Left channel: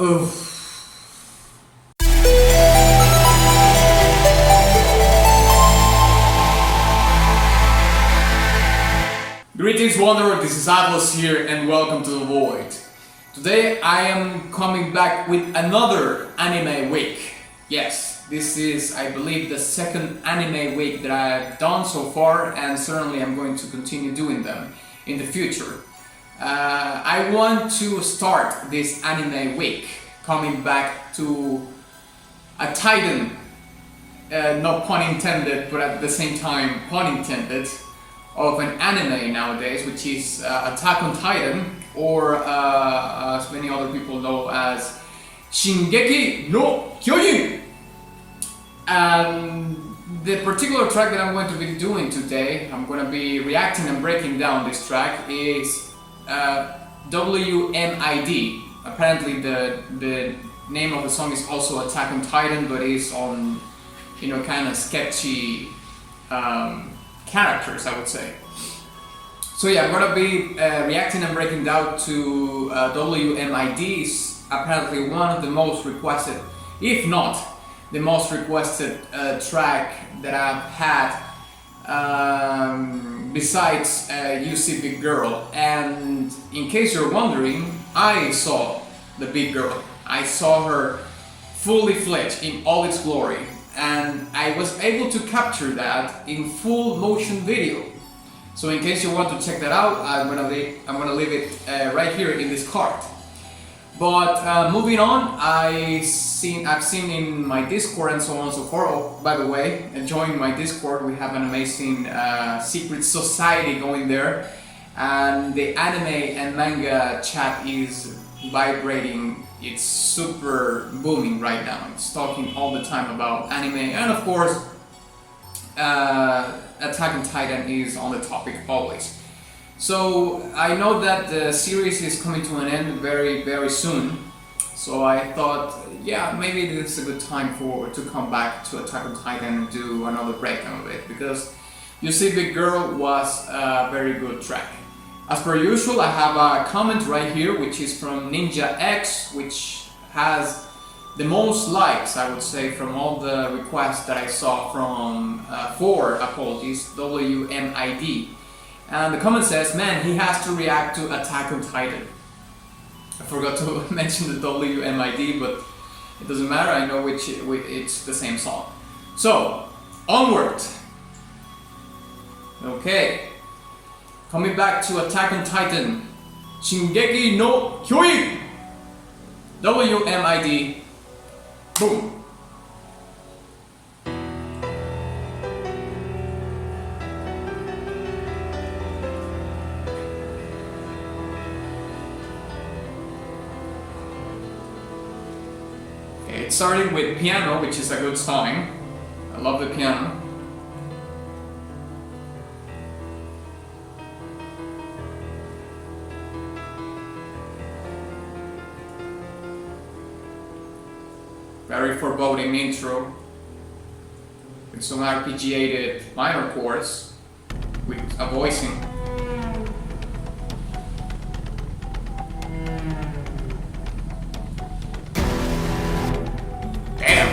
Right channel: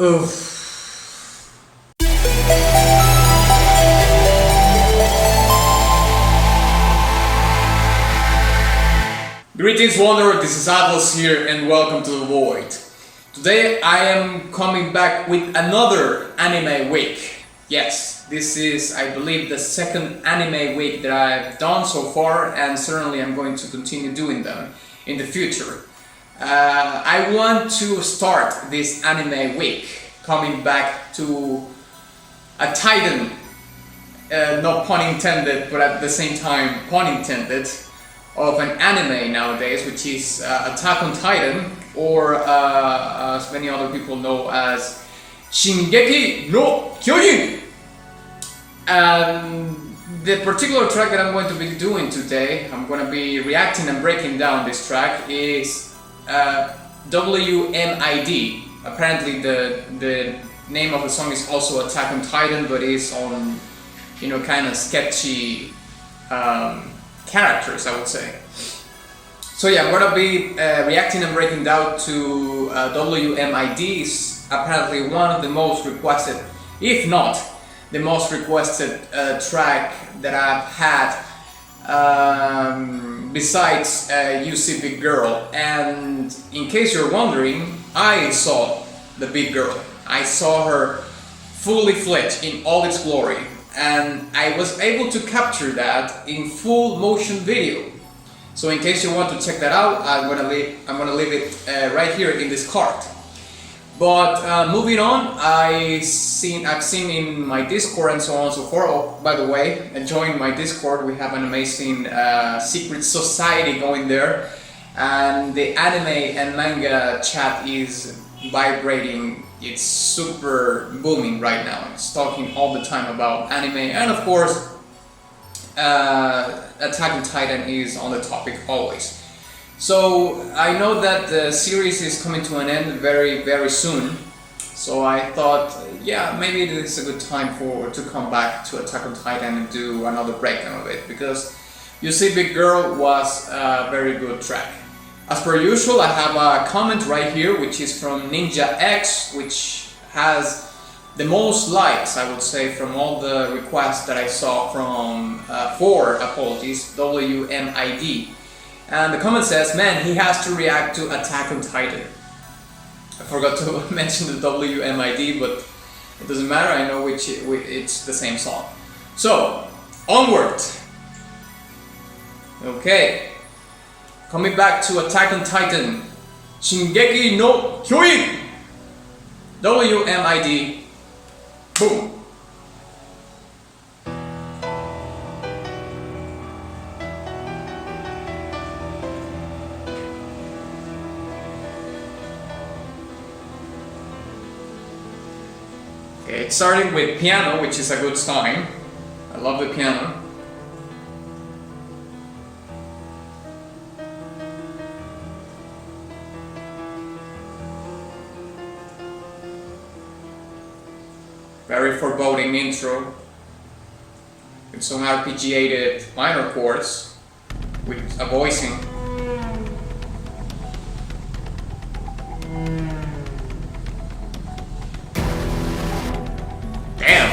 Oof. Greetings Wanderer, this is Atlas here and welcome to the Void. Today I am coming back with another anime week. Yes, this is I believe the second anime week that I've done so far, and certainly I'm going to continue doing them in the future. I want to start this anime week coming back to a titan, not pun intended, but at the same time pun intended, of an anime nowadays, which is Attack on Titan, or as many other people know as Shingeki no Kyojin. And the particular track that I'm going to be doing today, I'm going to be reacting and breaking down this track, is WMID. Apparently the name of the song is also Attack on Titan, but it's on, kind of sketchy characters, I would say. So yeah, I'm gonna be reacting and breaking down to WMID. Is apparently one of the most requested, if not the most requested track that I've had, besides You See Big Girl. And in case you're wondering, I saw the Big Girl. I saw her fully fledged in all its glory, and I was able to capture that in full motion video. So in case you want to check that out, I'm gonna leave it right here in this card. But moving on, I've seen in my Discord and so on and so forth. Oh, by the way, join my Discord. We have an amazing secret society going there, and the anime and manga chat is vibrating. It's super booming right now. It's talking all the time about anime, and of course Attack on Titan is on the topic always. So I know that the series is coming to an end very, very soon. So I thought, yeah, maybe this is a good time to come back to Attack on Titan and do another breakdown of it, because You See Big Girl was a very good track. As per usual, I have a comment right here, which is from Ninja X, which has the most likes, I would say, from all the requests that I saw from WMID. And the comment says, man, he has to react to Attack on Titan. I forgot to mention the WMID, but it doesn't matter, I know it's the same song. So, onward! Okay. Coming back to Attack on Titan, Shingeki no Kyojin, WMID, boom. Okay, it started with piano, which is a good sign. I love the piano. Very foreboding intro with some arpeggiated minor chords with a voicing. Damn!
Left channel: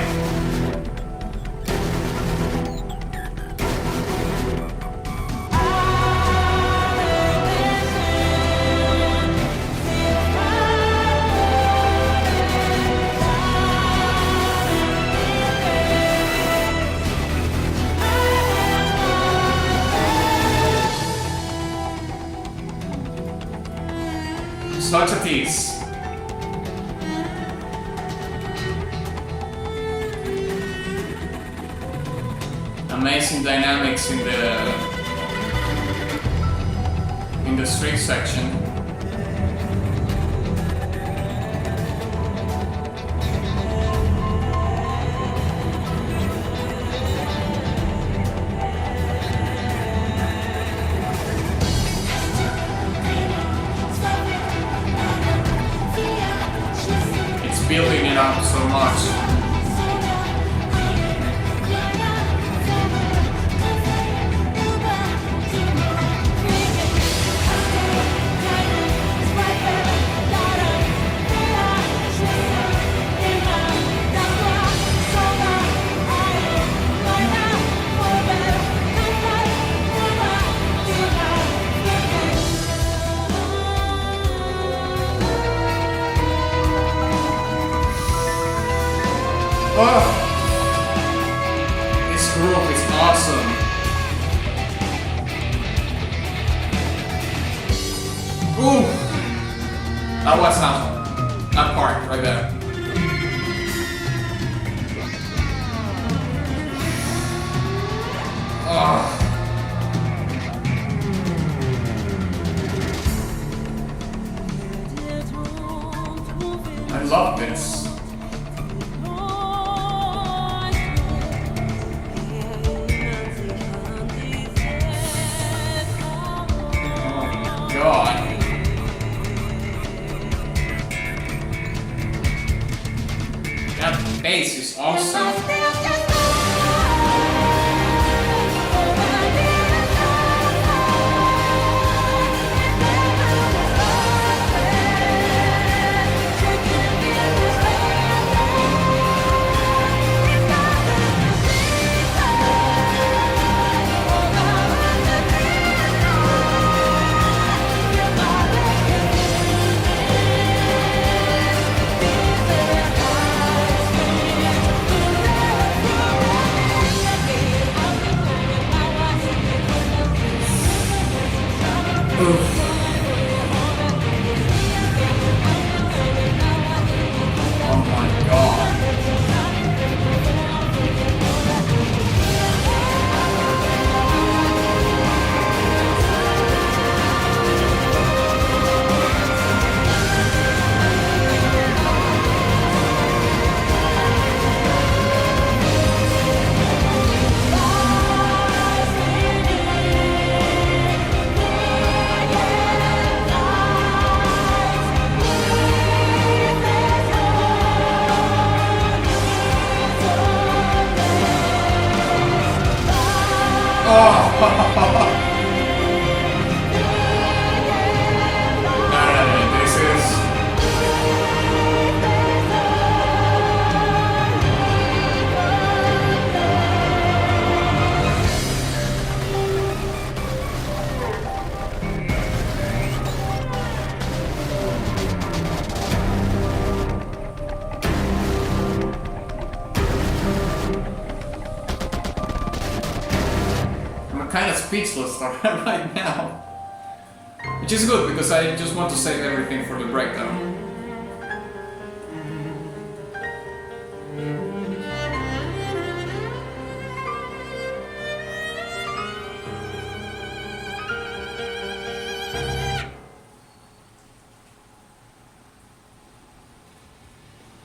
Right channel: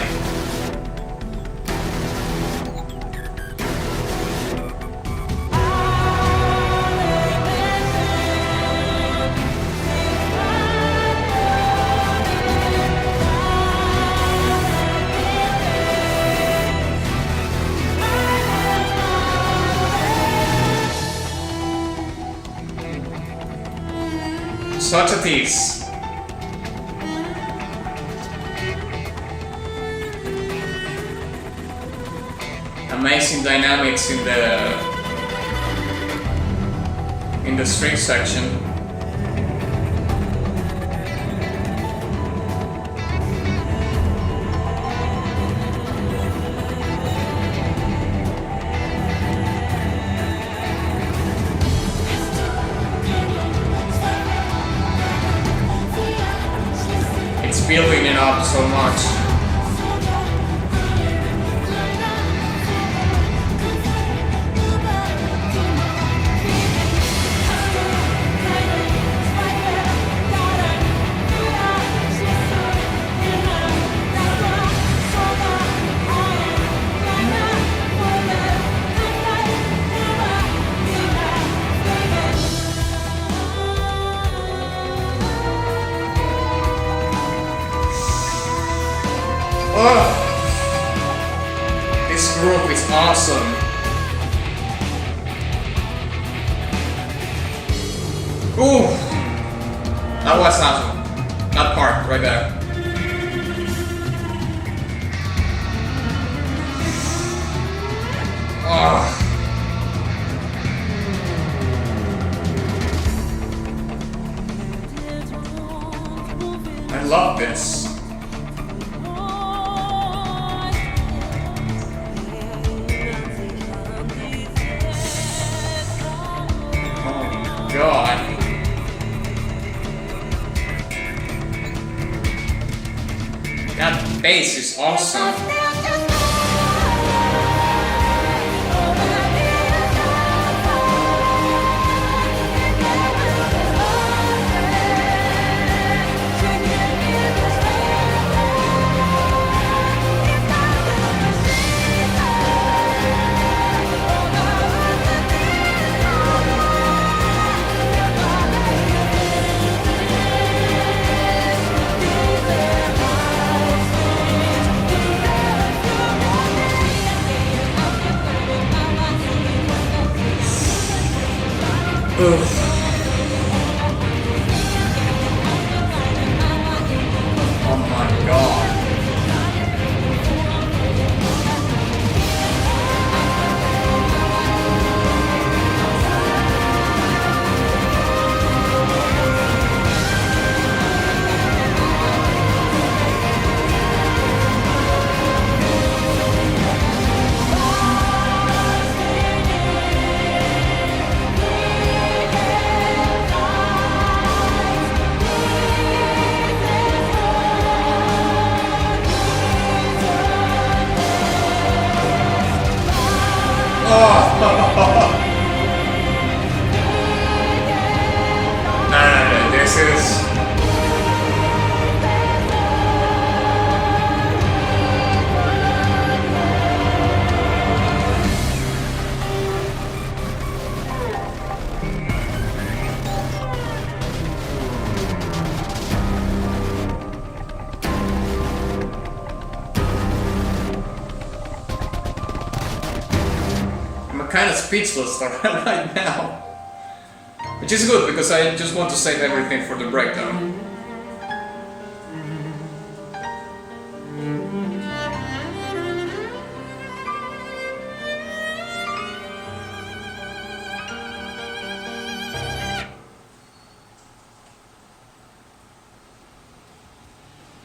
Such a tease. Amazing dynamics in the string section. Building it up so much. Oh, this groove is awesome. Ooh, that was awesome. That part right there. Oh. I love this. Oh God. That bass is awesome. Oof. Oh my God. This is... I'm kind of speechless right now. Which is good, because I just want to save everything for the breakdown.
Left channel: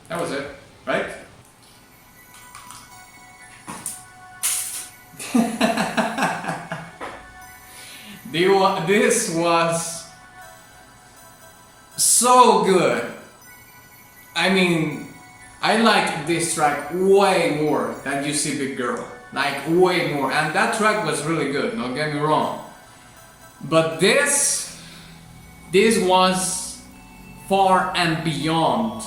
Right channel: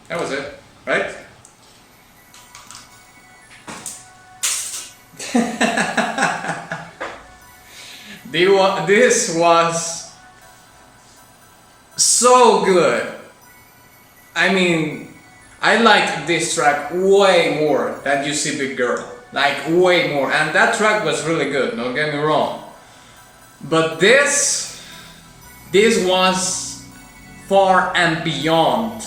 That was it, right? This was so good. I mean, I liked this track way more than You See Big Girl. Like, way more. And that track was really good, don't get me wrong. But this was far and beyond.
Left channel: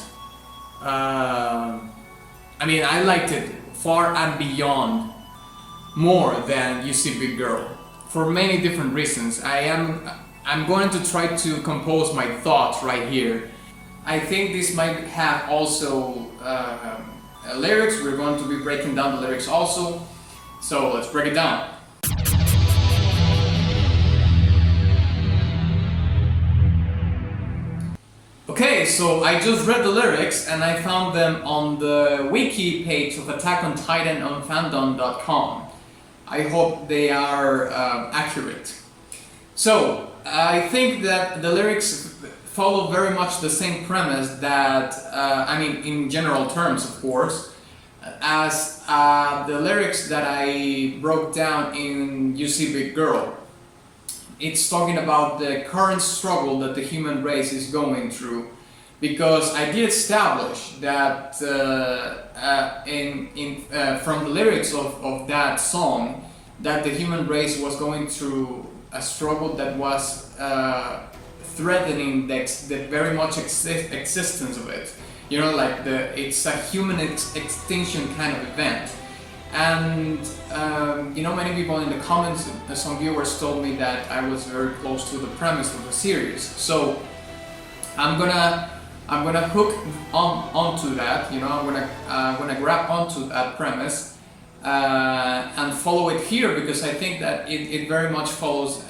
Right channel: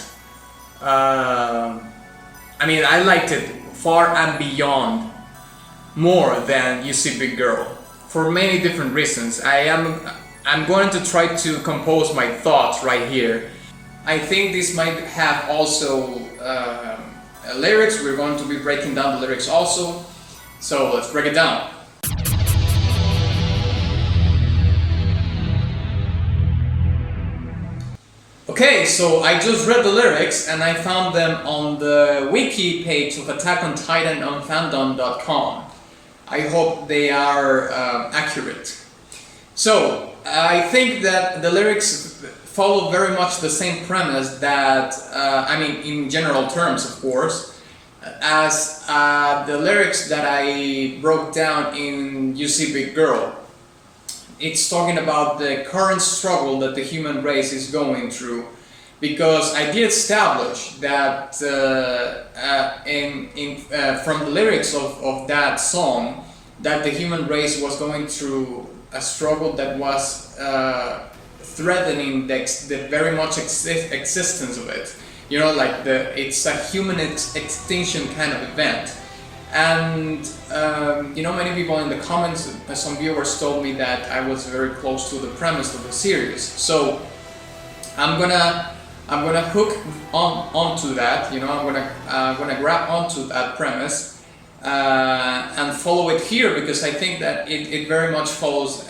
I mean, I liked it far and beyond more than You See Big Girl. For many different reasons. I'm going to try to compose my thoughts right here. I think this might have also lyrics. We're going to be breaking down the lyrics also. So let's break it down. Okay, so I just read the lyrics and I found them on the wiki page of Attack on Titan on fandom.com. I hope they are accurate. So, I think that the lyrics follow very much the same premise that, I mean, in general terms, of course, as the lyrics that I broke down in You See Big Girl. It's talking about the current struggle that the human race is going through. Because I did establish that from the lyrics of that song, that the human race was going through a struggle that was threatening the very much existence of it. You know, like it's a human extinction kind of event. And you know, many people in the comments, some viewers told me that I was very close to the premise of the series. So I'm gonna I'm gonna hook onto that. You know, I'm gonna grab onto that premise and follow it here, because I think that it very much follows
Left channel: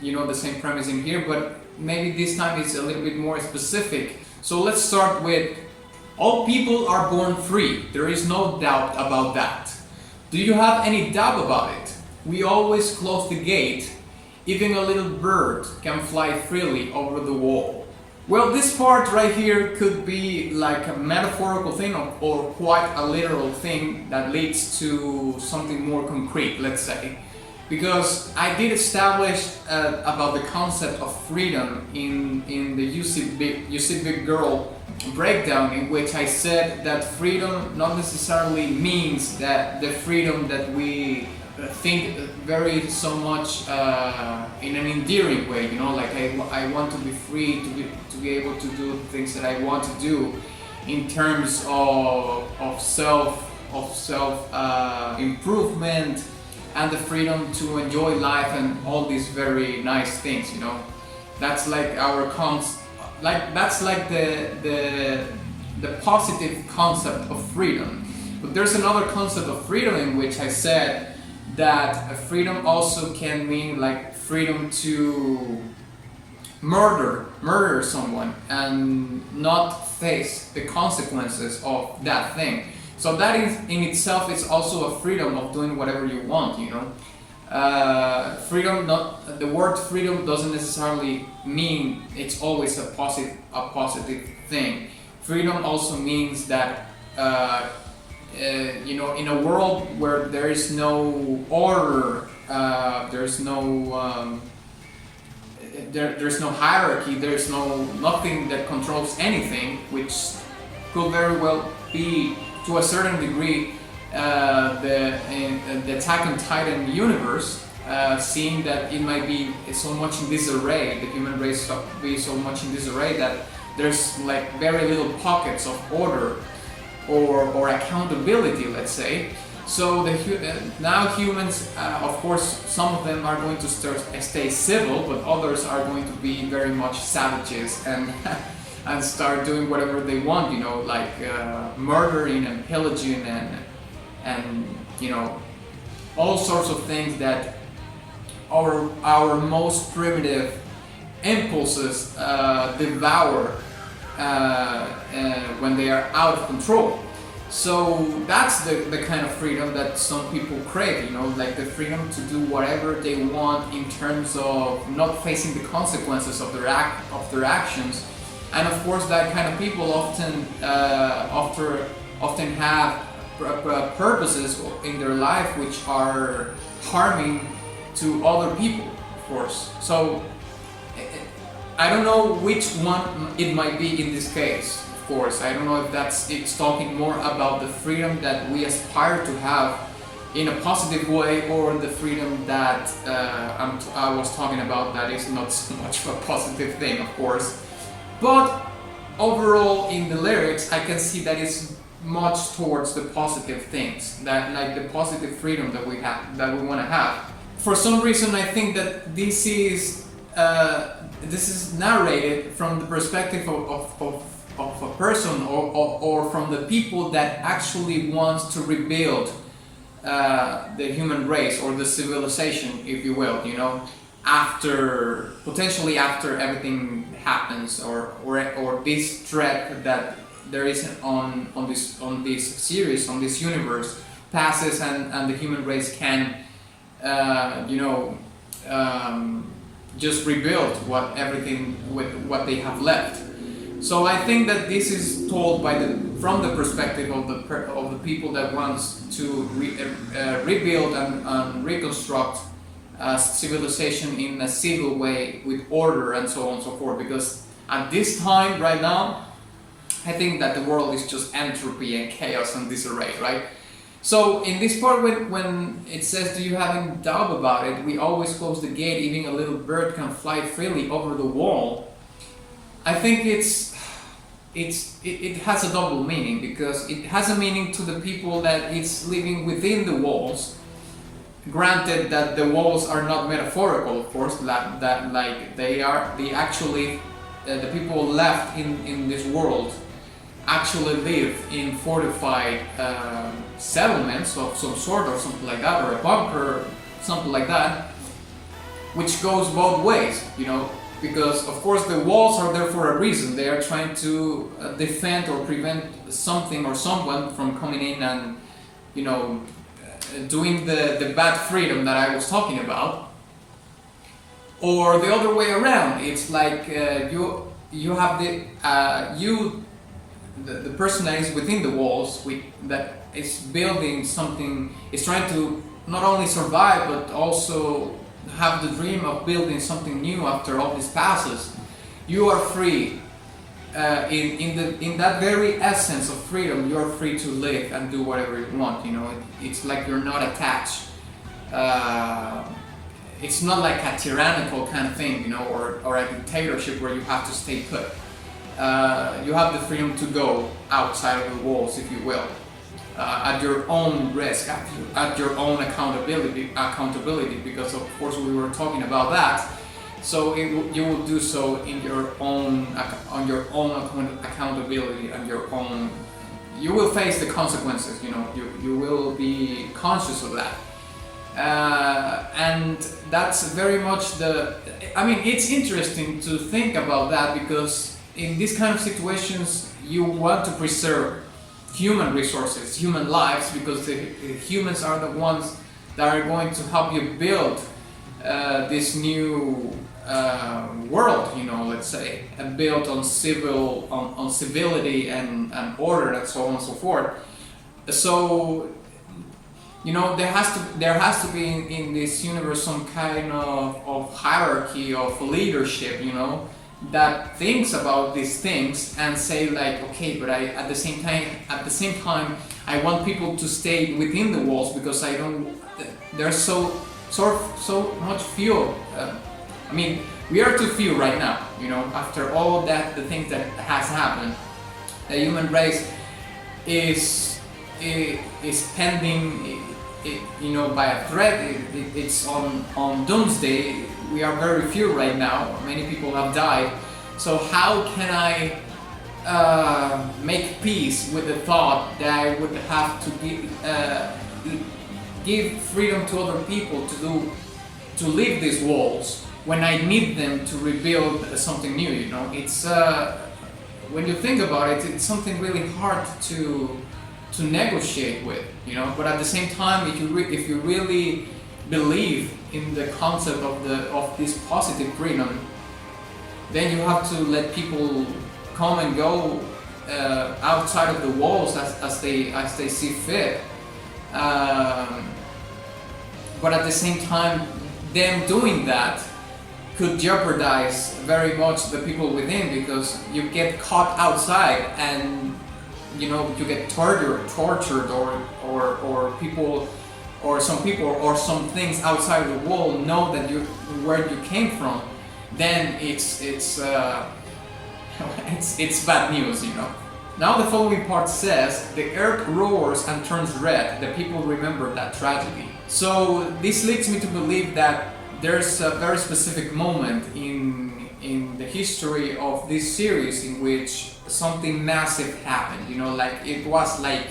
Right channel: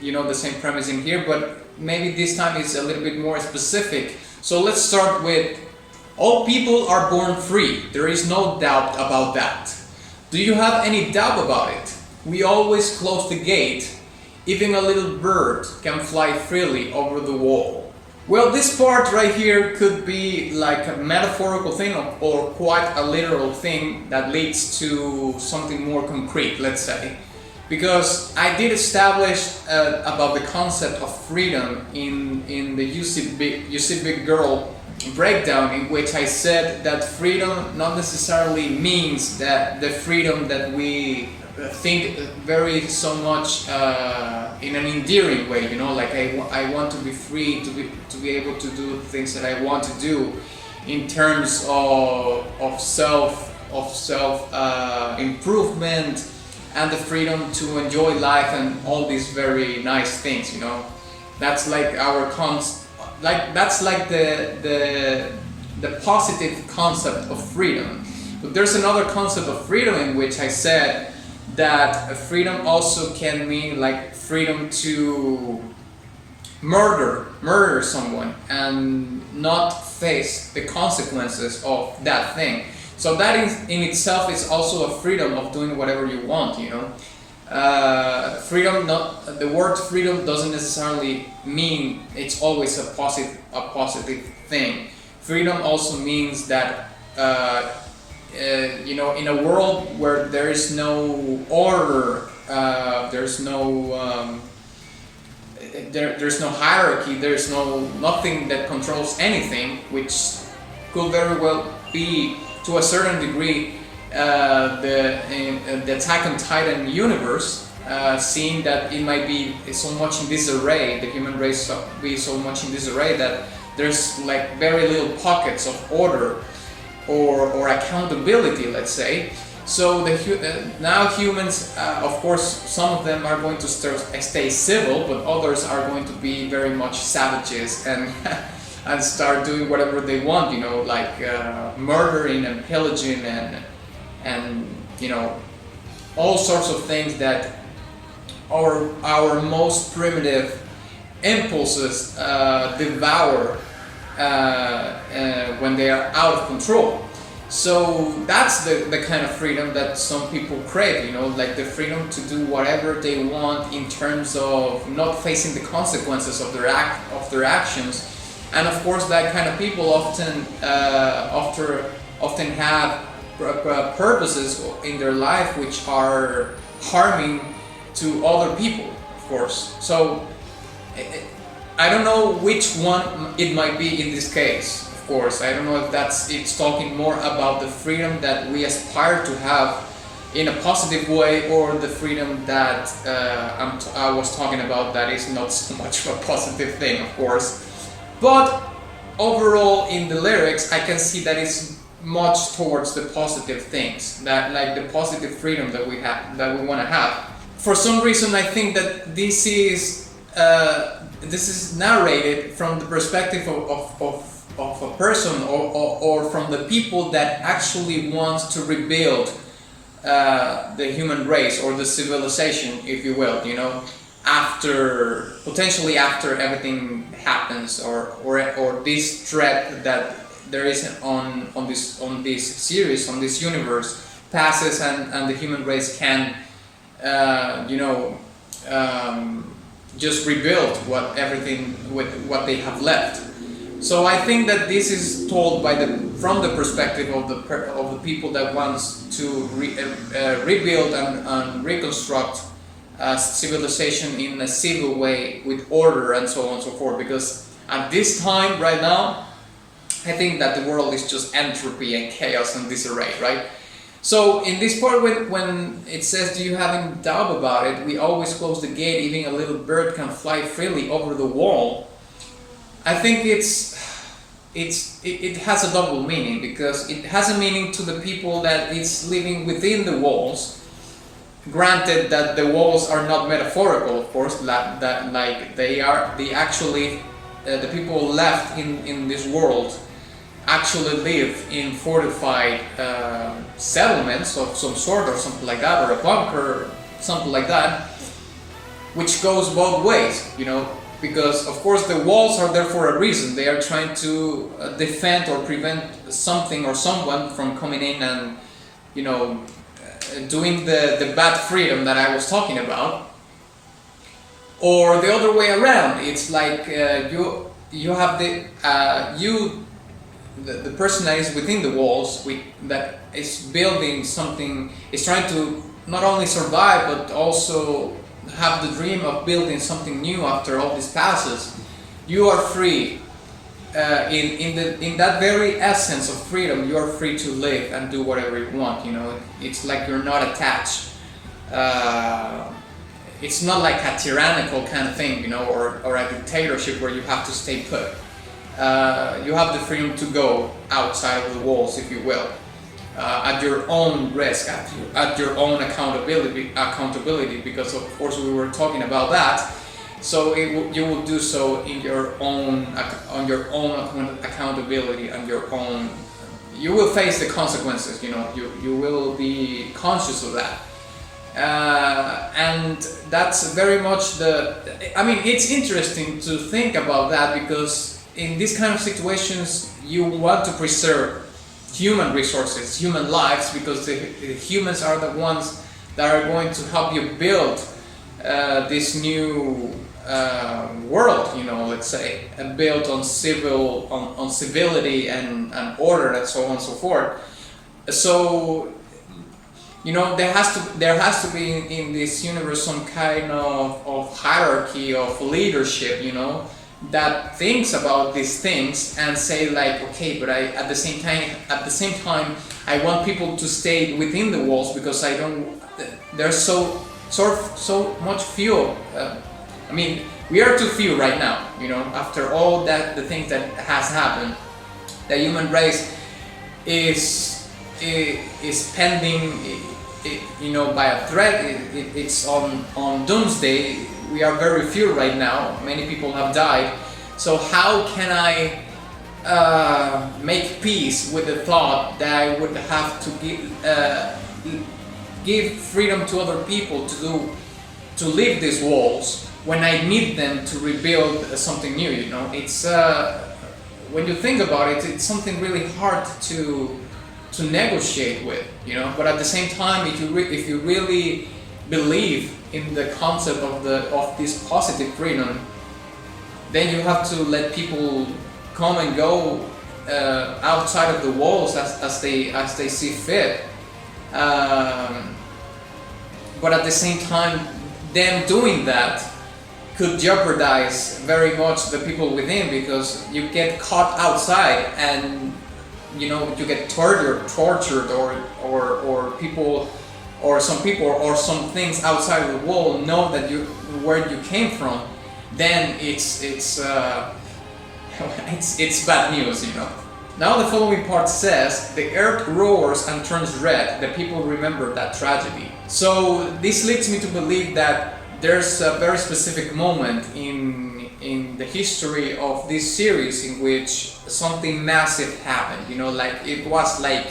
you know, the same premise in here, but maybe this time it's a little bit more specific. So let's start with: all people are born free. There is no doubt about that. Do you have any doubt about it? We always close the gate. Even a little bird can fly freely over the wall. Well, this part right here could be like a metaphorical thing, or quite a literal thing that leads to something more concrete, let's say. Because I did establish about the concept of freedom in the You See Big Girl breakdown, in which I said that freedom not necessarily means that the freedom that we think very so much in an endearing way, you know, like I want to be free to be able to do things that I want to do in terms of self improvement, and the freedom to enjoy life and all these very nice things, you know. That's like our that's like the positive concept of freedom. But there's another concept of freedom in which I said that freedom also can mean like freedom to murder someone and not face the consequences of that thing. So that in itself is also a freedom of doing whatever you want, you know. The word freedom doesn't necessarily mean it's always a positive thing. Freedom also means that you know, in a world where there is no order, there's no hierarchy, there's nothing that controls anything, which could very well be to a certain degree the Attack on Titan universe, seeing that it might be so much in disarray, the human race be so much in disarray that there's like very little pockets of order or accountability, let's say. So now humans, of course, some of them are going to stay civil, but others are going to be very much savages and and start doing whatever they want, you know, like murdering and pillaging and you know, all sorts of things that our most primitive impulses devour when they are out of control. So that's the kind of freedom that some people crave, you know, like the freedom to do whatever they want in terms of not facing the consequences of their actions. And of course, that kind of people often have purposes in their life which are harming to other people, of course. So I don't know which one it might be in this case. Of course, I don't know if it's talking more about the freedom that we aspire to have in a positive way, or the freedom that I was talking about that is not so much of a positive thing, of course. But overall, in the lyrics, I can see that it's much towards the positive things, that like the positive freedom that we want to have. For some reason, I think that this is narrated from the perspective of a person or from the people that actually want to rebuild the human race or the civilization, if you will, you know, potentially after everything happens, or this threat that there is on this series, on this universe passes, and the human race can just rebuild what they have left. So I think that this is told from the perspective of the people that wants to rebuild and reconstruct civilization in a civil way with order and so on and so forth. Because at this time, right now, I think that the world is just entropy and chaos and disarray, right? So in this part, when it says, "Do you have any doubt about it? We always close the gate. Even a little bird can fly freely over the wall." I think it has a double meaning, because it has a meaning to the people that is living within the walls. Granted that the walls are not metaphorical, of course, that like they actually the people left in this world actually live in fortified settlements of some sort or something like that, or a bunker, something like that, which goes both ways, you know, because of course the walls are there for a reason. They are trying to defend or prevent something or someone from coming in and, you know, doing the bad freedom that I was talking about. Or the other way around, it's like you have the person that is within the walls, that is building something, is trying to not only survive but also have the dream of building something new after all this passes. You are free. In that very essence of freedom, you are free to live and do whatever you want. You know, it's like you're not attached. It's not like a tyrannical kind of thing, you know, or a dictatorship where you have to stay put. You have the freedom to go outside of the walls, if you will, at your own risk, at your own accountability, because of course we were talking about that. So you will do so in your own, on your own accountability and your own. You will face the consequences. You know, you will be conscious of that. And that's very much I mean, it's interesting to think about that, because in these kind of situations you want to preserve human resources, human lives, because the humans are the ones that are going to help you build this new world, you know, let's say, built on civility and order and so on and so forth. So, you know, there has to be in this universe some kind of hierarchy of leadership, you know, that thinks about these things and say like, okay, but at the same time I want people to stay within the walls, because there's so much fuel. I mean, we are too few right now, you know, after all the things that has happened. The human race is pending, you know, by a threat. It's on doomsday. We are very few right now. Many people have died. So how can I make peace with the thought that I would have to give freedom to other people to leave these walls when I need them to rebuild something new? You know, it's when you think about it, it's something really hard to negotiate with, you know. But at the same time, if you really believe in the concept of this positive freedom, then you have to let people come and go outside of the walls as they see fit. But at the same time, them doing that could jeopardize very much the people within, because you get caught outside and, you know, you get tortured, or people, or some people, or some things outside of the wall know that where you came from. Then it's bad news, you know. Now the following part says, the earth roars and turns red. The people remember that tragedy. So this leads me to believe that there's a very specific moment in the history of this series in which something massive happened. You know, like it was like,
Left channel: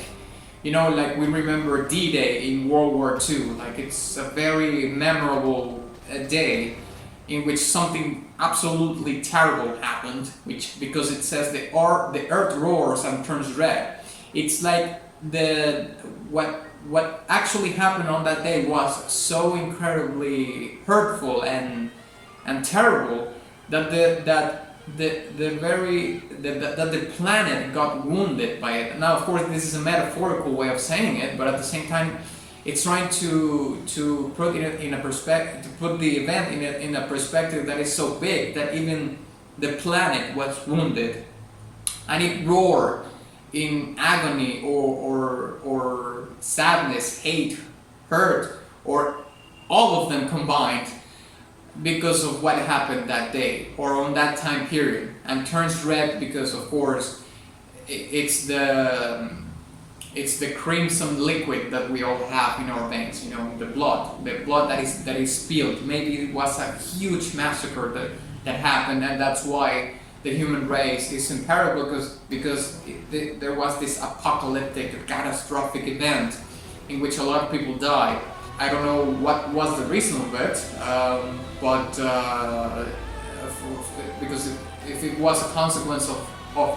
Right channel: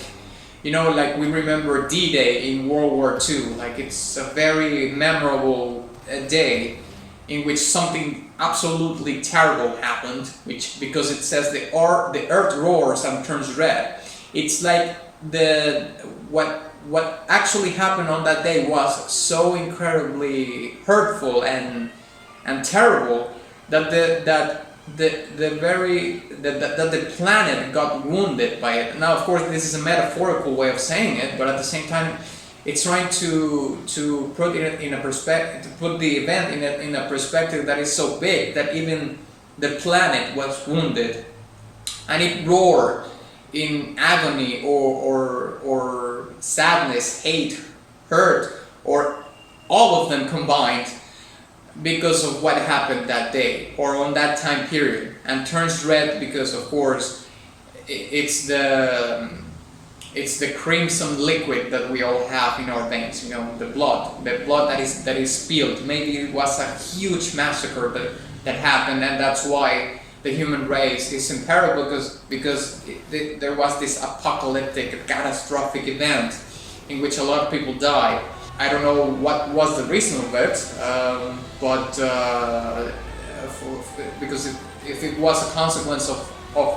you know, like we remember D-Day in World War II. Like it's a very memorable day in which something absolutely terrible happened, because it says the earth roars and turns red. It's like what actually happened on that day was so incredibly hurtful and terrible that the planet got wounded by it. Now, of course, this is a metaphorical way of saying it, but at the same time, it's trying to put it in a perspective, to put the event in a perspective that is so big that even the planet was wounded, and it roared in agony or sadness, hate, hurt, or all of them combined, because of what happened that day or on that time period, and turns red because, of course, it's the crimson liquid that we all have in our veins, you know, the blood that is spilled. Maybe it was a huge massacre that happened, and that's why the human race is in peril because there was this apocalyptic, catastrophic event in which a lot of people died. I don't know what was the reason of it, because if it was a consequence of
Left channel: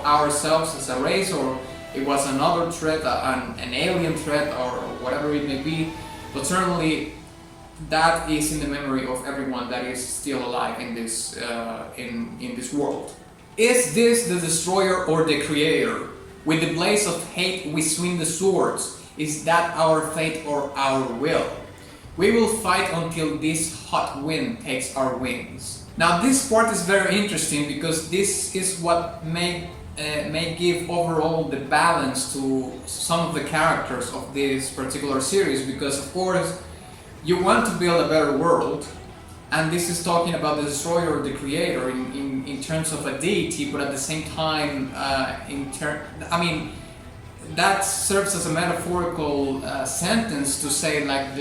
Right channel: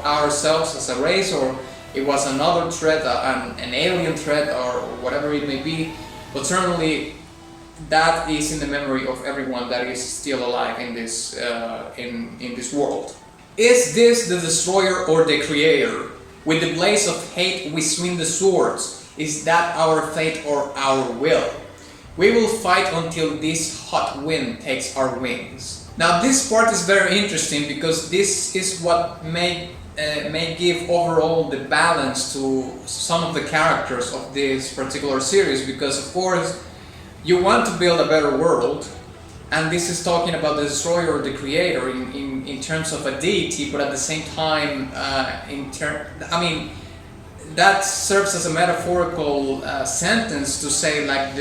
ourselves as a race, or it was another threat, an alien threat, or whatever it may be, but certainly that is in the memory of everyone that is still alive in this in this world. Is this the destroyer or the creator? With the blaze of hate we swing the swords. Is that our fate or our will? We will fight until this hot wind takes our wings. Now this part is very interesting because this is what may give overall the balance to some of the characters of this particular series, because of course you want to build a better world, and this is talking about the destroyer or the creator in terms of a deity, but at the same time that serves as a metaphorical sentence to say like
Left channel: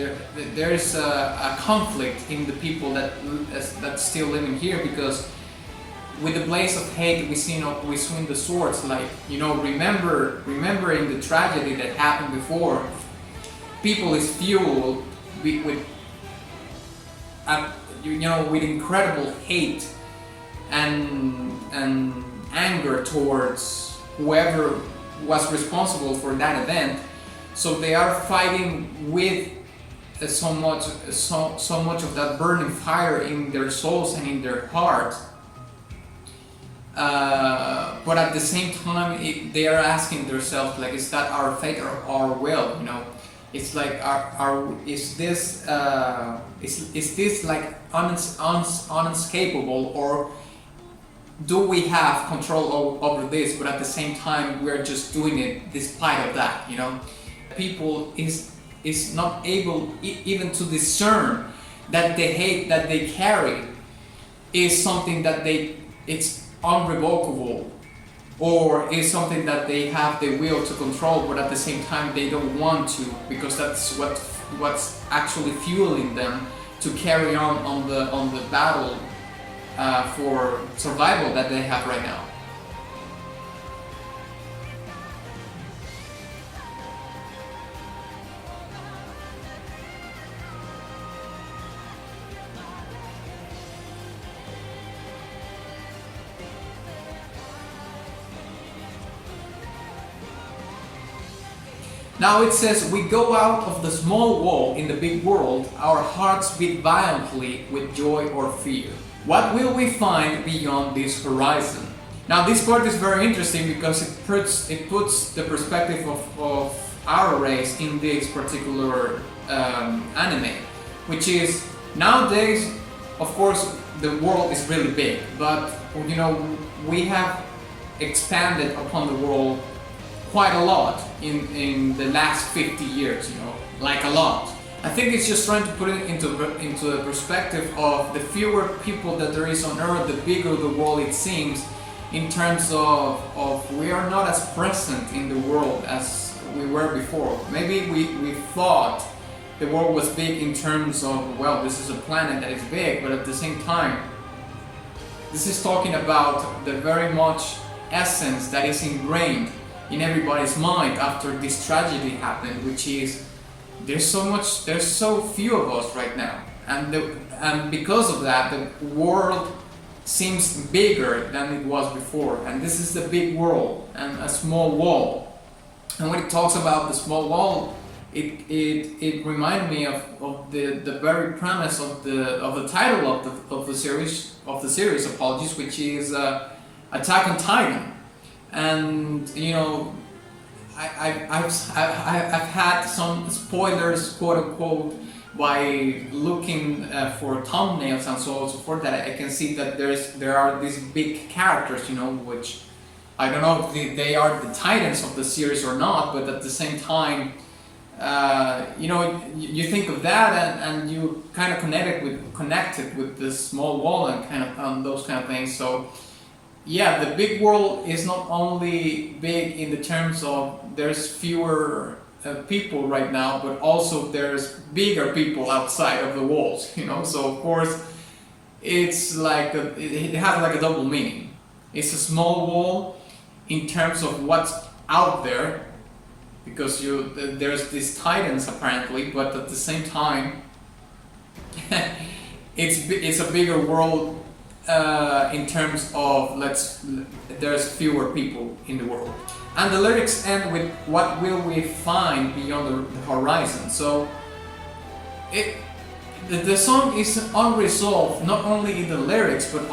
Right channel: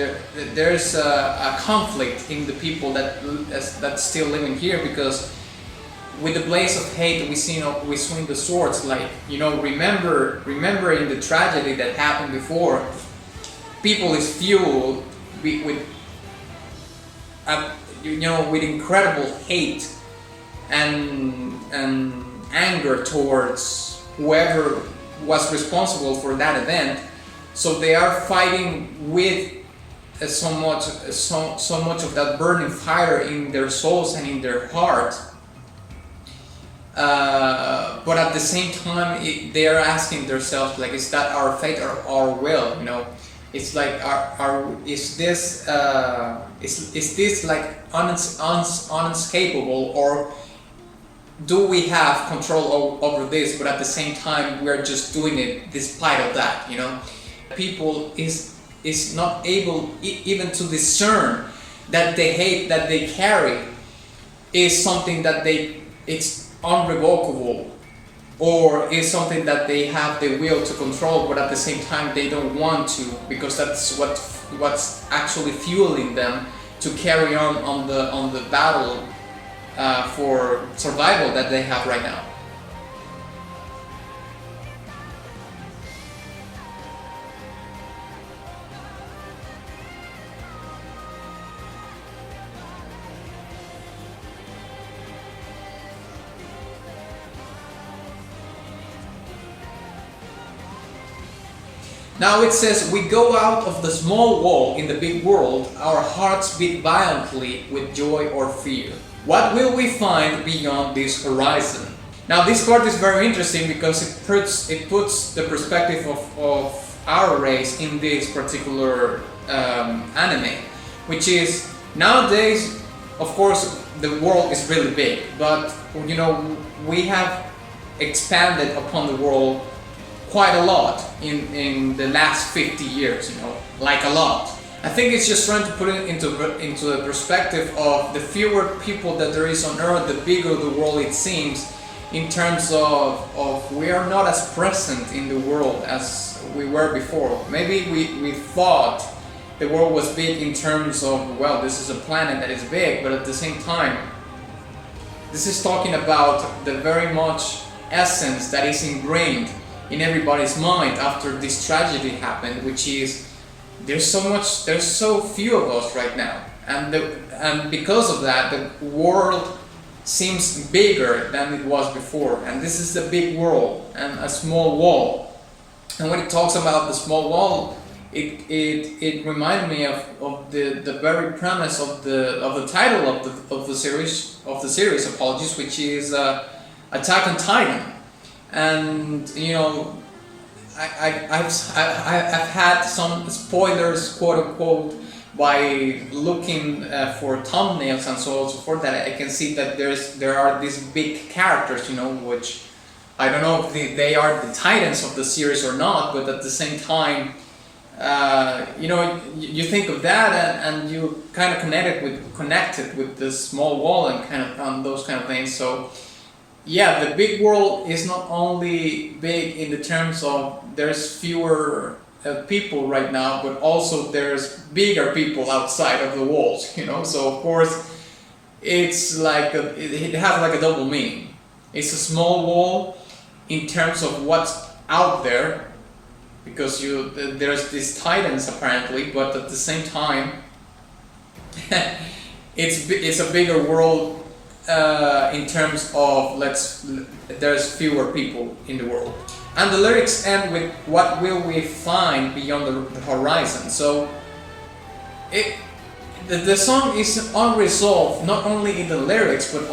there's a conflict in the people that's still living here, because with the blaze of hate we swing the swords, like, you know, remembering the tragedy that happened before. People is fueled with incredible hate and anger towards whoever was responsible for that event, so they are fighting with so much of that burning fire in their souls and in their heart, but at the same time they are asking themselves, like, is that our fate or our will? You know, it's like, is this like unescapable, or do we have control over this, but at the same time we're just doing it despite of that, you know? People is not able even to discern that the hate that they carry is something that it's unrevocable, or is something that they have the will to control, but at the same time they don't want to, because that's what's actually fueling them to carry on the battle for survival that they have right now. Now it says, we go out of the small wall in the big world, our hearts beat violently with joy or fear. What will we find beyond this horizon? Now this part is very interesting because it puts the perspective of our race in this particular anime, which is, nowadays, of course, the world is really big, but, you know, we have expanded upon the world quite a lot in the last 50 years, you know, like a lot. I think it's just trying to put it into the perspective of the fewer people that there is on Earth, the bigger the world it seems, in terms of we are not as present in the world as we were before. Maybe we thought the world was big in terms of, well, this is a planet that is big, but at the same time, this is talking about the very much essence that is ingrained in everybody's mind after this tragedy happened, which is there's so few of us right now, and because of that the world seems bigger than it was before, and this is the big world and a small wall. And when it talks about the small wall, it reminded me of the very premise of the title of the series, apologies, which is Attack on Titan. And, you know, I've had some spoilers, quote unquote, by looking for thumbnails and so on and so forth, that I can see that there are these big characters, you know, which I don't know if they are the titans of the series or not, but at the same time, you know, you think of that and you kind of connected with the small wall and kind of those kind of things. So yeah, the big world is not only big in the terms of there's fewer people right now, but also there's bigger people outside of the walls, you know. So of course, it's like it has like a double meaning. It's a small wall in terms of what's out there, because there's these titans apparently, but at the same time, it's a bigger world in terms of there's fewer people in the world. And the lyrics end with "What will we find beyond the horizon?" So the song is unresolved, not only in the lyrics, but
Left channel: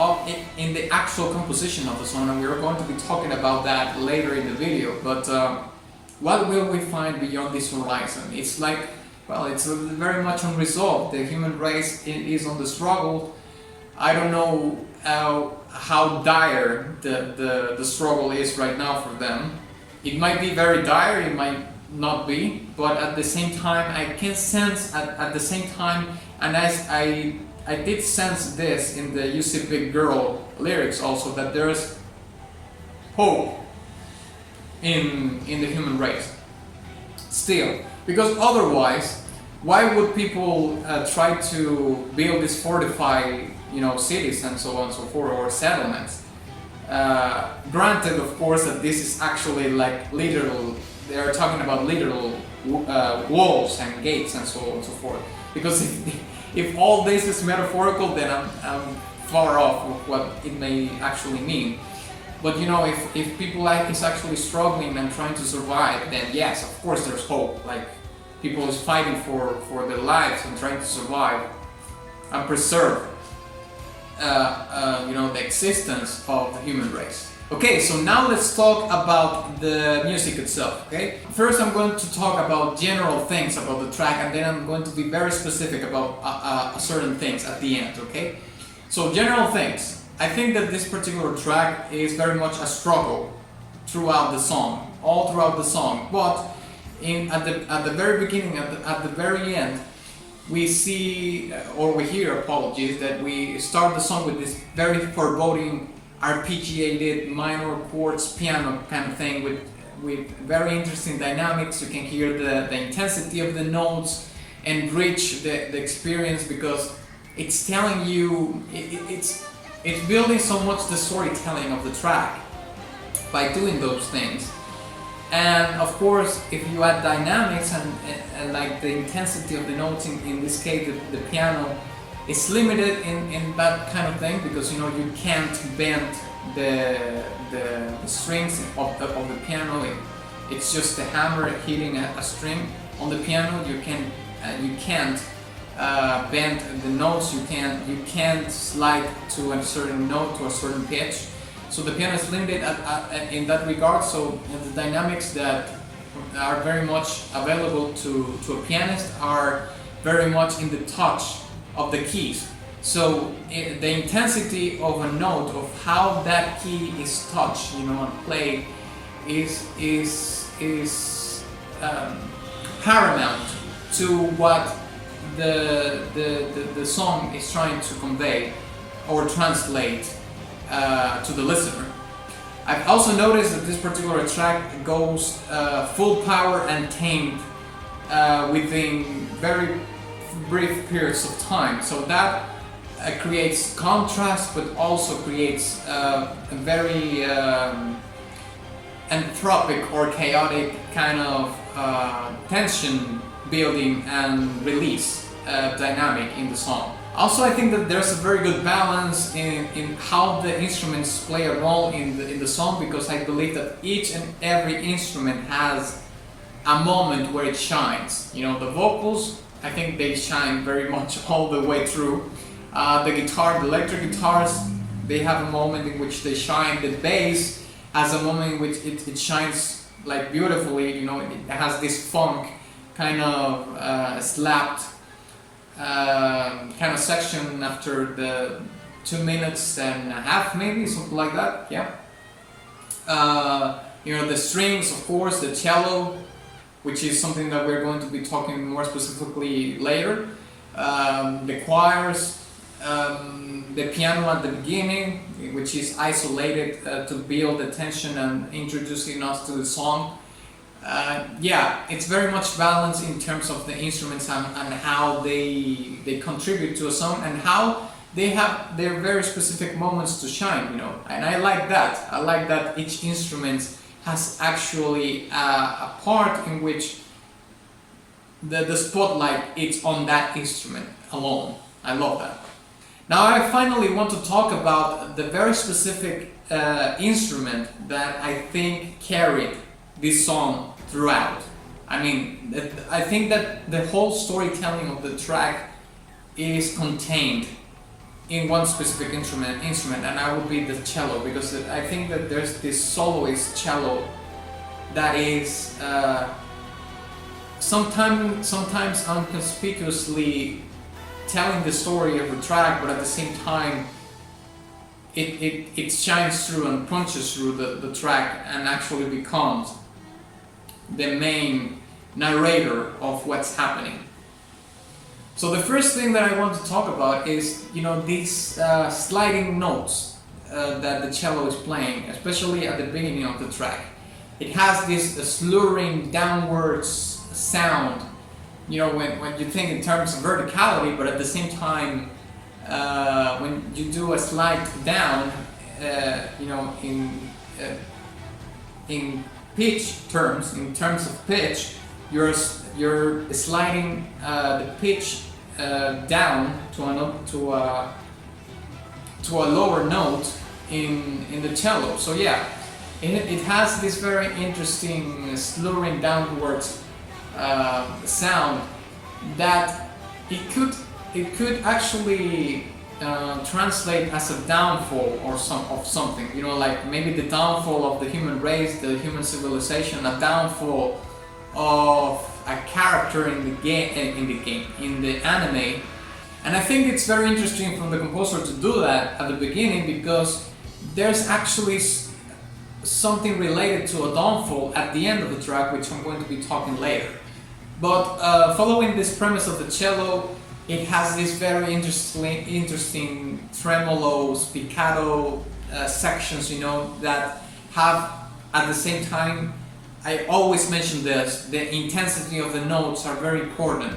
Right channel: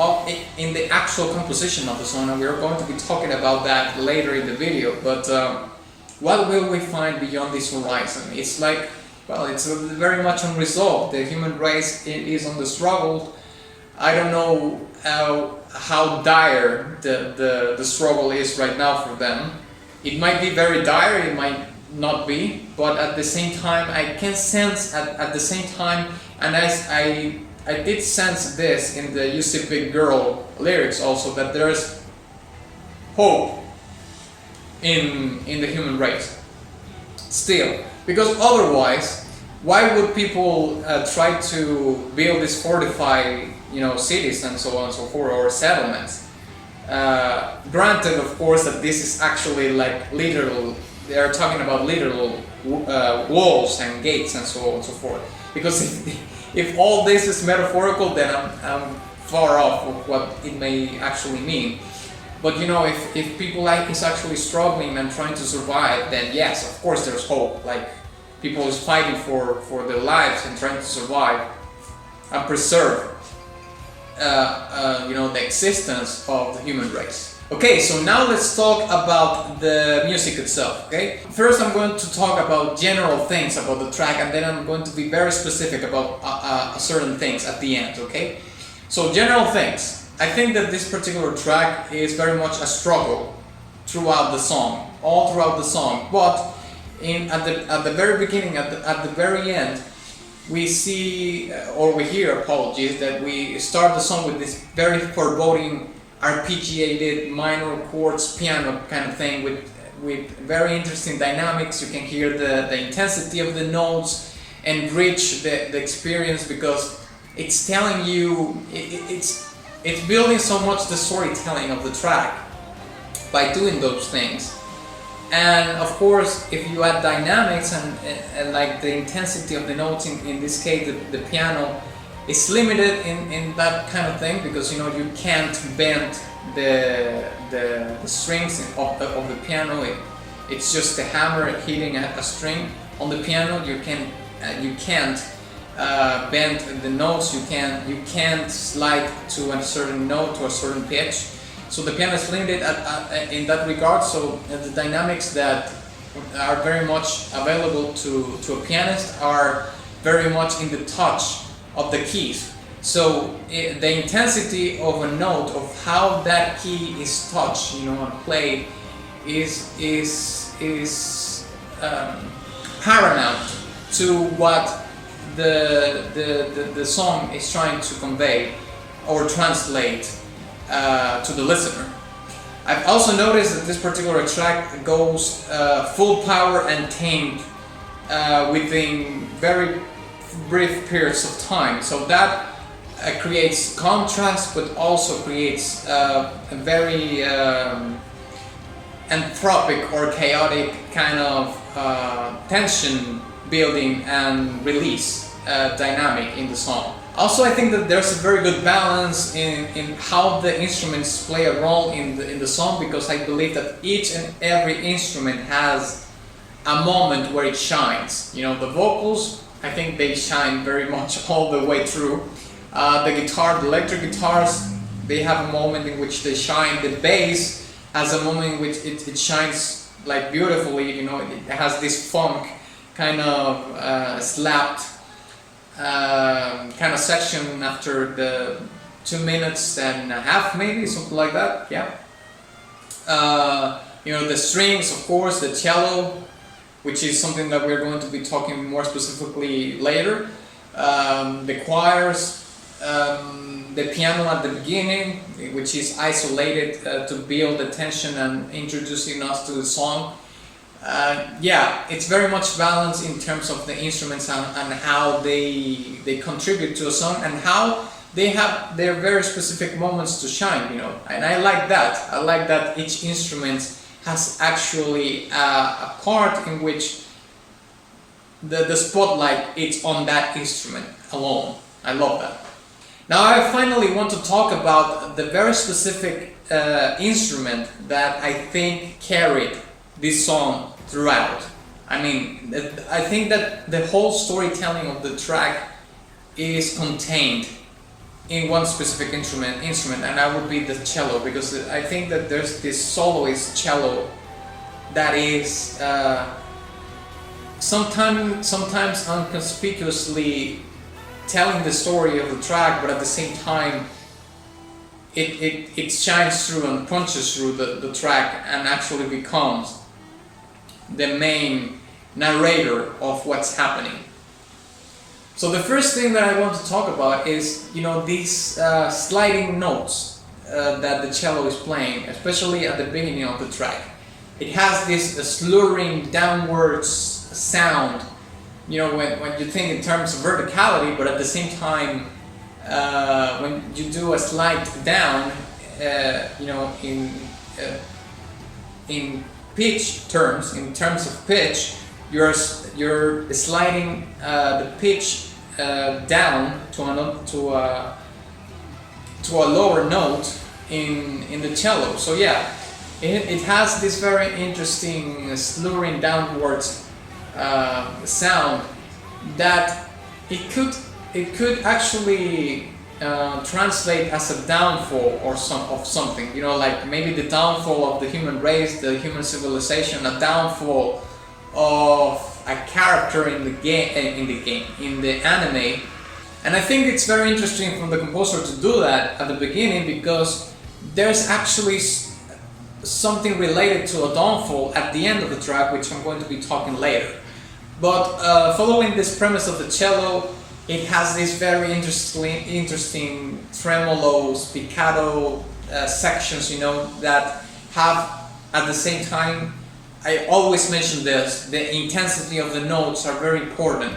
in the actual composition of the song, and we're going to be talking about that later in the video. But what will we find beyond this horizon? It's like, well, it's very much unresolved. The human race is on the struggle. I don't know how dire the struggle is right now for them. It might be very dire, it might not be, but at the same time, I can sense at the same time, and I did sense this in the "You See Big Girl" lyrics also, that there's hope in the human race still, because otherwise, why would people try to build these fortified, cities and so on and so forth, or settlements? Granted, of course, that this is actually like literal. They are talking about literal walls and gates and so on and so forth. Because if all this is metaphorical, then I'm far off of what it may actually mean. But if people is actually struggling and trying to survive, then yes, of course there's hope. Like, people is fighting for their lives and trying to survive and preserve the existence of the human race. Okay, so now let's talk about the music itself, okay? First I'm going to talk about general things about the track, and then I'm going to be very specific about certain things at the end, okay? So general things. I think that this particular track is very much a struggle throughout the song, all throughout the song, but at the very beginning, at the very end, we see, or we hear, apologies, that we start the song with this very foreboding arpeggiated minor chords piano kind of thing with very interesting dynamics. You can hear the intensity of the notes and bridge the experience, because it's telling you, it's building so much the storytelling of the track by doing those things. And of course, if you add dynamics and like the intensity of the notes, in this case the piano is limited in that kind of thing, because you can't bend the strings of the piano. It's just a hammer hitting a string on the piano. You can't bend the notes. You can't slide to a certain note, to a certain pitch. So the piano is limited in that regard. So the dynamics that are very much available to a pianist are very much in the touch of the keys. So the intensity of a note, of how that key is touched, and played, is paramount to what the song is trying to convey or translate to the listener. I've also noticed that this particular track goes full power and tamed within very brief periods of time. So that creates contrast, but also creates a very anthropic or chaotic kind of tension building and release dynamic in the song. Also, I think that there's a very good balance in how the instruments play a role in the song, because I believe that each and every instrument has a moment where it shines. The vocals, I think they shine very much all the way through. The guitar, the electric guitars, they have a moment in which they shine. The bass has a moment in which it shines like beautifully. It has this funk kind of slapped kind of section after the 2 minutes and a half, maybe something like that. Yeah. The strings, of course, the cello, which is something that we're going to be talking more specifically later. The choirs, the piano at the beginning, which is isolated to build the tension and introducing us to the song. It's very much balanced in terms of the instruments and how they contribute to a song, and how they have their very specific moments to shine, you know, and I like that. I like that each instrument has actually a part in which the spotlight is on that instrument alone. I love that. Now I finally want to talk about the very specific instrument that I think carried this song throughout. I mean, I think that the whole storytelling of the track is contained in one specific instrument, and that would be the cello, because I think that there's this soloist cello that is sometimes inconspicuously telling the story of the track, but at the same time it shines through and punches through the track and actually becomes the main narrator of what's happening. So the first thing that I want to talk about is, you know, these sliding notes that the cello is playing, especially at the beginning of the track. It has this slurring downwards sound, you know, when you think in terms of verticality, but at the same time, when you do a slide down, you know, in pitch terms, in terms of pitch, you're sliding the pitch down to a lower note in the cello. So yeah, it has this very interesting slurring downwards sound that it could actually translate as a downfall or something. You know, like maybe the downfall of the human race, the human civilization, a downfall of a character in the anime. And I think it's very interesting from the composer to do that at the beginning, because there's actually something related to a downfall at the end of the track, which I'm going to be talking later. But following this premise of the cello, it has these very interesting tremolo, spiccato sections, you know, that have at the same time, I always mention this, the intensity of the notes are very important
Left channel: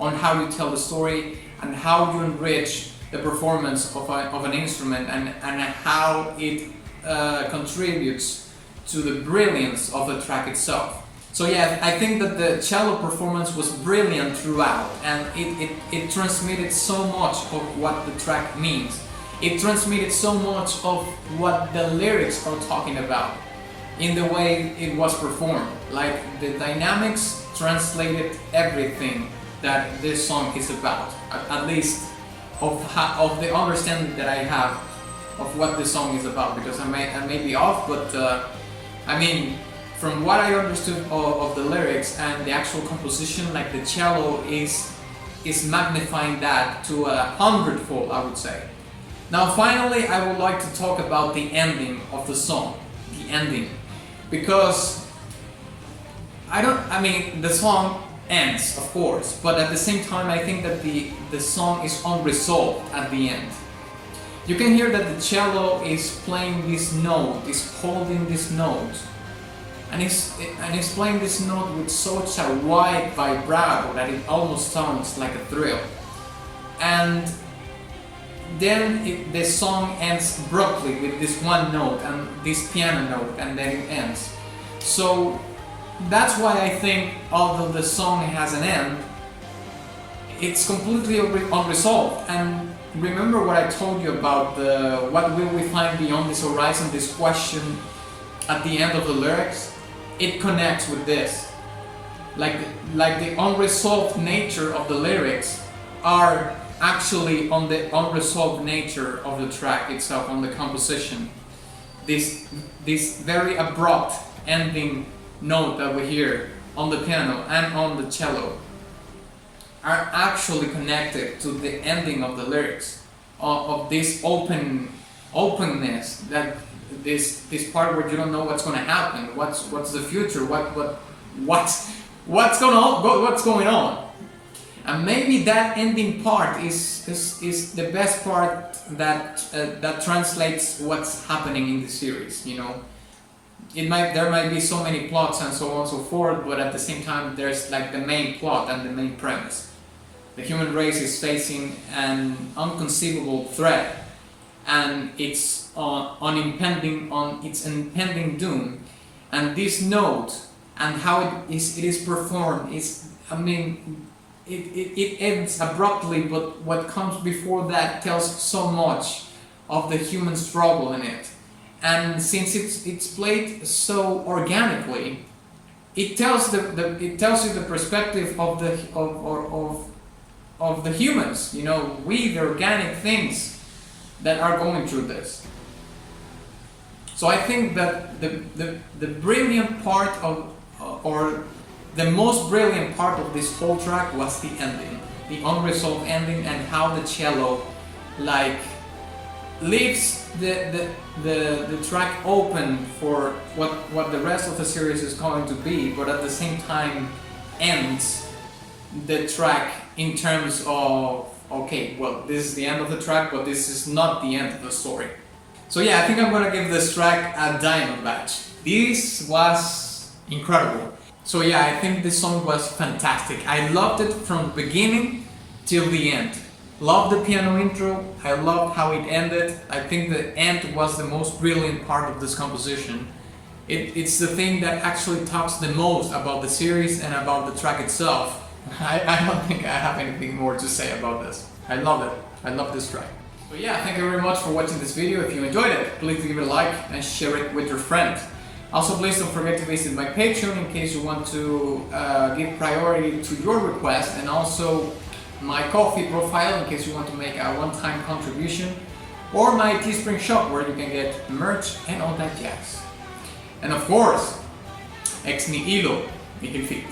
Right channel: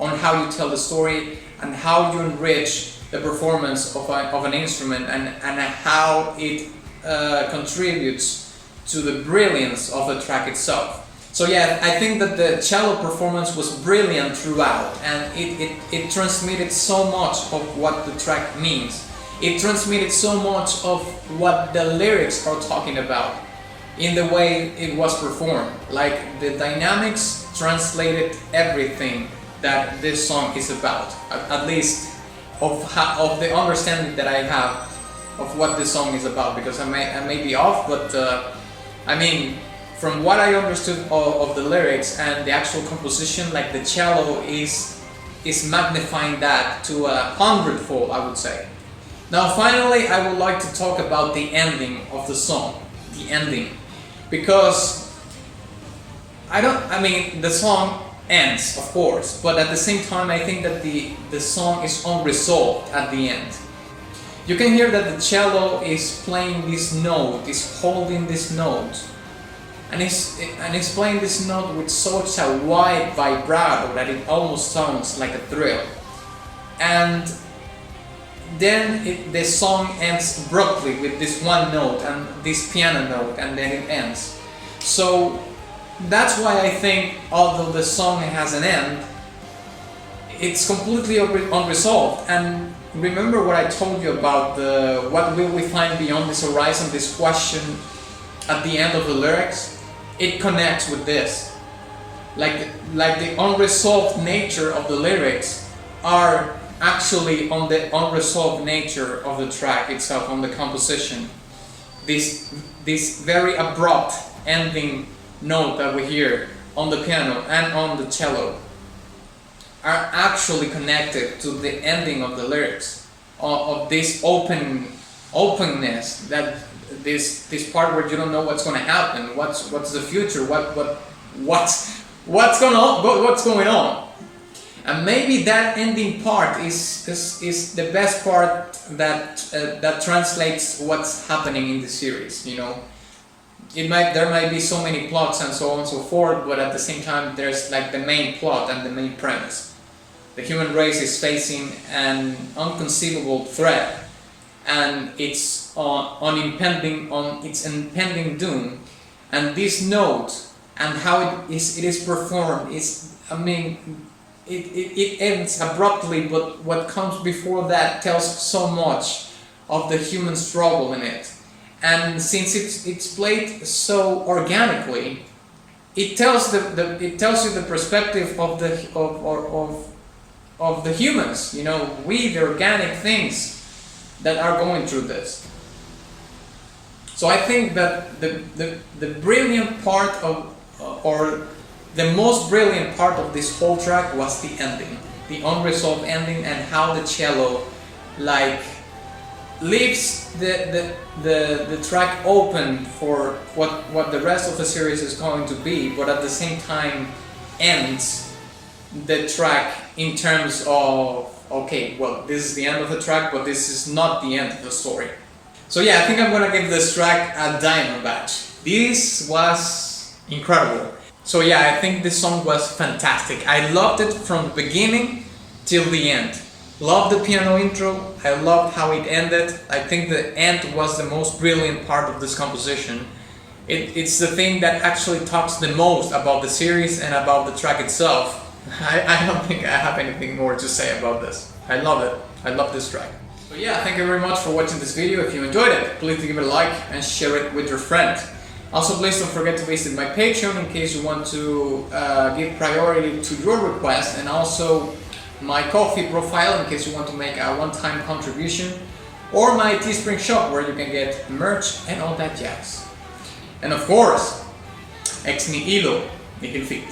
on how you tell the story and how you enrich the performance of an instrument, and how it contributes to the brilliance of the track itself. So yeah, I think that the cello performance was brilliant throughout, and it transmitted so much of what the track means. It transmitted so much of what the lyrics are talking about in the way it was performed. Like, the dynamics translated everything that this song is about, at least of the understanding that I have of what this song is about, because I may be off, but I mean, from what I understood of the lyrics and the actual composition, like, the cello is magnifying that to 100-fold, I would say. Now finally, I would like to talk about the ending of the song. The ending. Because the song ends, of course, but at the same time I think that the song is unresolved at the end. You can hear that the cello is playing this note, is holding this note, and it's playing this note with such a wide vibrato that it almost sounds like a thrill. And then the song ends abruptly with this one note and this piano note, and then it ends. So that's why I think, although the song has an end, it's completely unresolved. And remember what I told you about what will we find beyond this horizon, this question at the end of the lyrics? It connects with this. Like the unresolved nature of the lyrics are actually on the unresolved nature of the track itself, on the composition. This very abrupt ending note that we hear on the piano and on the cello are actually connected to the ending of the lyrics, of this openness, that this part where you don't know what's going to happen, what's the future, what's going on. And maybe that ending part is the best part that translates what's happening in the series. You know, there might be so many plots and so on and so forth, but at the same time there's like the main plot and the main premise. the human race is facing an unconceivable threat, and it's on its impending doom. And this note and how it is performed is, I mean, it ends abruptly, but what comes before that tells so much of the human struggle in it. And since it's played so organically, it tells you the perspective of the humans. You know, we, the organic things that are going through this. So I think that the brilliant part of, or the most brilliant part of this whole track was the ending, the unresolved ending, and how the cello like leaves the track open for what the rest of the series is going to be, but at the same time ends the track in terms of, okay, well, this is the end of the track, but this is not the end of the story. So yeah, I think I'm gonna give this track a diamond badge. This was incredible. So yeah, I think this song was fantastic. I loved it from the beginning till the end. Loved the piano intro, I loved how it ended. I think the end was the most brilliant part of this composition. It's the thing that actually talks the most about the series and about the track itself. I don't think I have anything more to say about this. I love it. I love this track. So yeah, thank you very much for watching this video. If you enjoyed it, please give it a like and share it with your friend. Also, please don't forget to visit my Patreon in case you want to give priority to your request, and also my Ko-fi profile in case you want to make a one-time contribution, or my Teespring shop where you can get merch and all that jazz. And of course, ex nihilo nihil fit.